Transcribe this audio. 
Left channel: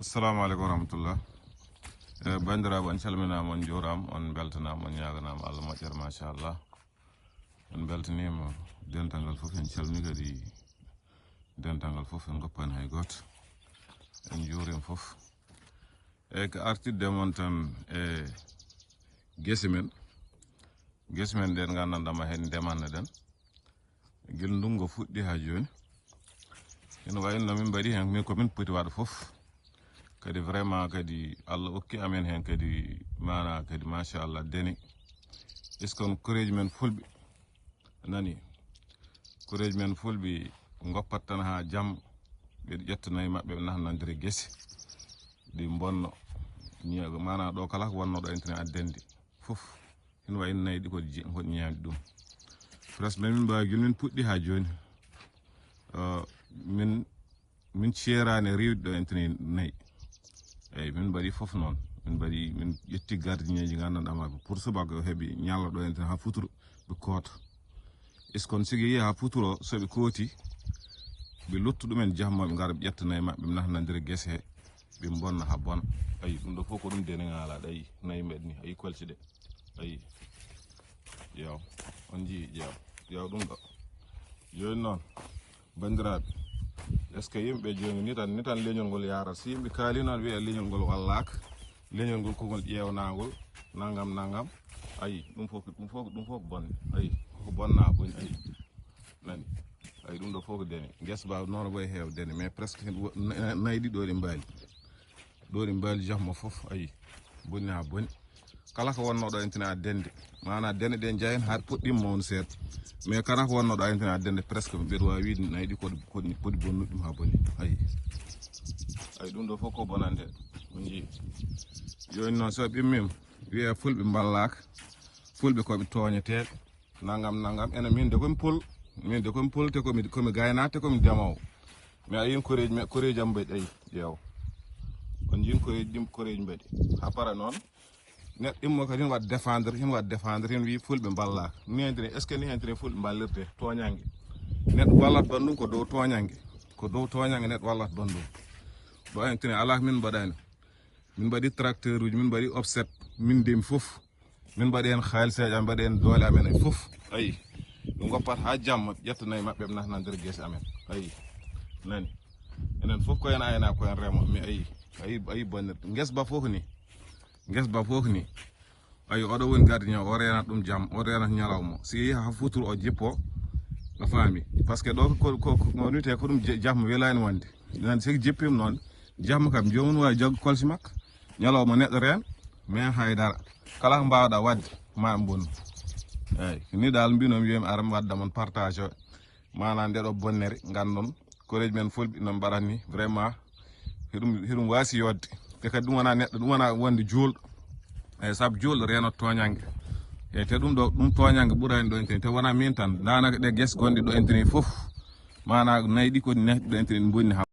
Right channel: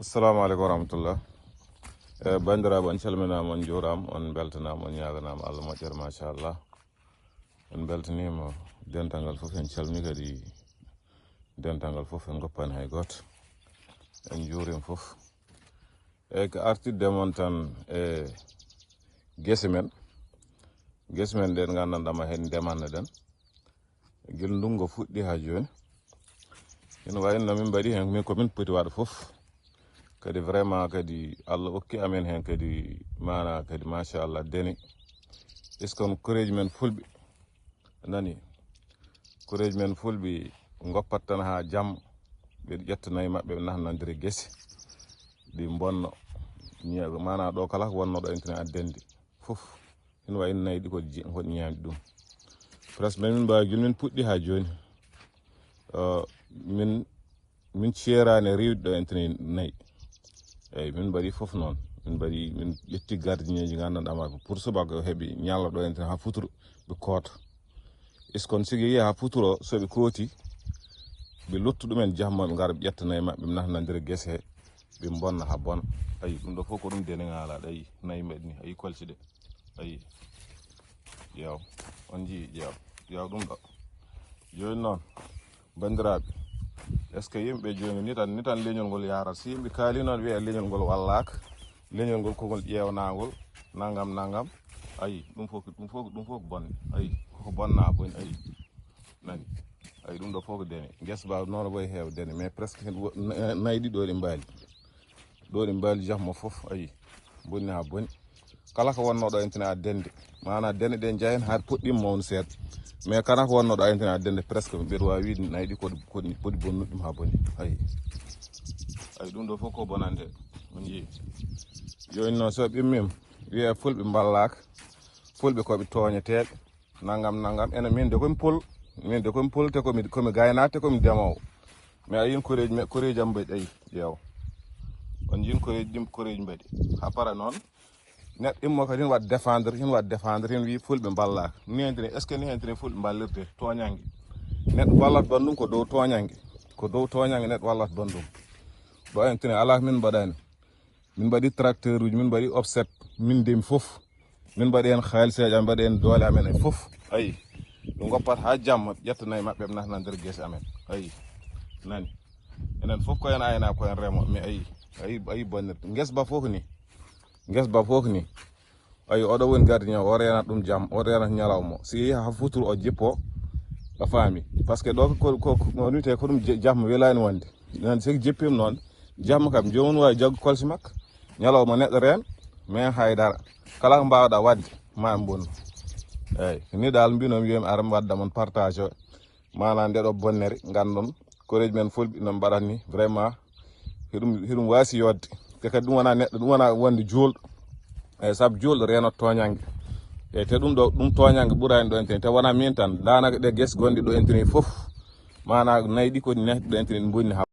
assalamu alaikum warahmatullah. Bandiraɓe on calminama on juurama on beltanama on ñaganama Allah moƴƴere machallah. On beltanima dental ngal foof en calmi kadi dental ngal foof en goppani hay goto en juurima foof eyyi ko artirde mon tan guese men ɗe gandanɗama hen ndemanno ɗen guel ndungu fuɗɗi ha joni ina wayno min mbaɗi hen min komin poti waɗa foof kadi vraiment kadi Allah okki amen hen kadi mana kadi machallah dene iskon koreji men fulɓe nani koreji men fulɓe goppat tan ha jamma ɓeɗo ƴettanayi mabɓe ɓe nahnandiri guese ɗi bonno ñeego mana ɗo kala ko wonno ɗo entene addende foof ina wayno nayyi ɗi koɗi ñaami ɗum presque min mbawi guila min puɗɗi ha joni min ceerani rewde ɗo entene nayyi eyyi min mbaɗi foof noon min ƴetti gardien ji gandanɗama ko pour subaka heeɓi ñalla ɗo entene ha futuro ɓe koota iskon sigi yeehi ha futuro soɓe kooti ɓe luttu ɗumen jamma ɓe gara ɓe ƴettanayi mabɓe ɓe nahnandira guese he ɓe bonna ha bona ayi ɗum ɗo fof ko ɗum dene ngalaɗo ayi nayyi mbaɗi ni ayi kolci ɗe ayi ƴeew on jii ƴeew ɗum ɗo joni noon bandiraɓe est ce que yimɓe joni ni tan leñol ngol yarat so yimɓe kaali noon wiya leñol ngol wallaka leñol ngol kogol ƴeewnagol nangam ayi ɗum fof ko bonne ayi koko bonna boni ayi nani ayi ɗum ɗo fof ko dene guesa ba noon wayi heew dene mais presque nayyi ɗi ɗo ɗi mbaali jamma foof ayi bonni ha boni kala ko wonno ɗo entene addende mana dene ɗe jahen ha puɗɗima mawnu seeɗa mais kala ko wonno ɗo entene addende presque mbiɗa wawi wiide nayyi ɗi koɗi bonnuɗi ɗum ha boni ayi ɗum ɗo fof ko bonande mo jii joni noon so ɓimmima wiya fulɓe ballaka fulɓe koɓe toñeteɓe nangam ene min de komi pol te komi gaynako te komi ndemowo mais ayin koreji am mbaɗi ayi ƴeewa on jin koreji mbaɗi ha para noon neɗɗo immo kadi hin waɗa défendre hin wi fulɓe ballaka ni entene est ce que ni entene fulɓe ballirte toñangue neɗɗo wallata ban ɗum ko dow toñangue neɗɗo wallata ban ɗum ɗo entene ala min mbaɗani min mbaɗi tracteur uji min mbaɗi offset min ndemi foof min mbaɗi hen haliseji amen mbaɗi hen doole amen e foof ayi ɓe goppat ha jamma ƴettanayi mabɓe ɓe nahnandira guese amen ayi nani enen foof koyen ayna koyen remo mais ayi bonnirde guesa ba fof ni ayi oɗo woni gardien o renat ɗum jamma o renat ñalawma so yeehi ha futuro o jippo a faami par ce que ɗo ko wiyete ko ɗum jamma welani wonde nen sigi jippima noon jamma kam jomum wawi jaggu kolsi makko ñalawma neɗɗo rena mais haydara kala ko mbawɗa wadde ma en bonnu eyyi ni dal mbinomi wiyami ara mi wadda mon partage mana ndeɗo bonnere gandon koreji men fulɓe no mbaɗatni vraiment hiɗum wasi yodde te kadi ɗum wona neɗɗo ɗum wona wonde julɗo eyyi saabu julɗo renata toñangue eyyi te ɗum toñangue ɓuurani ɗo entene te wona min tan danaka ɗe guese gonɗe ɗo entene foof mana nayyi ɗi koɗi nehdi ɗo entene ɗi bonni ha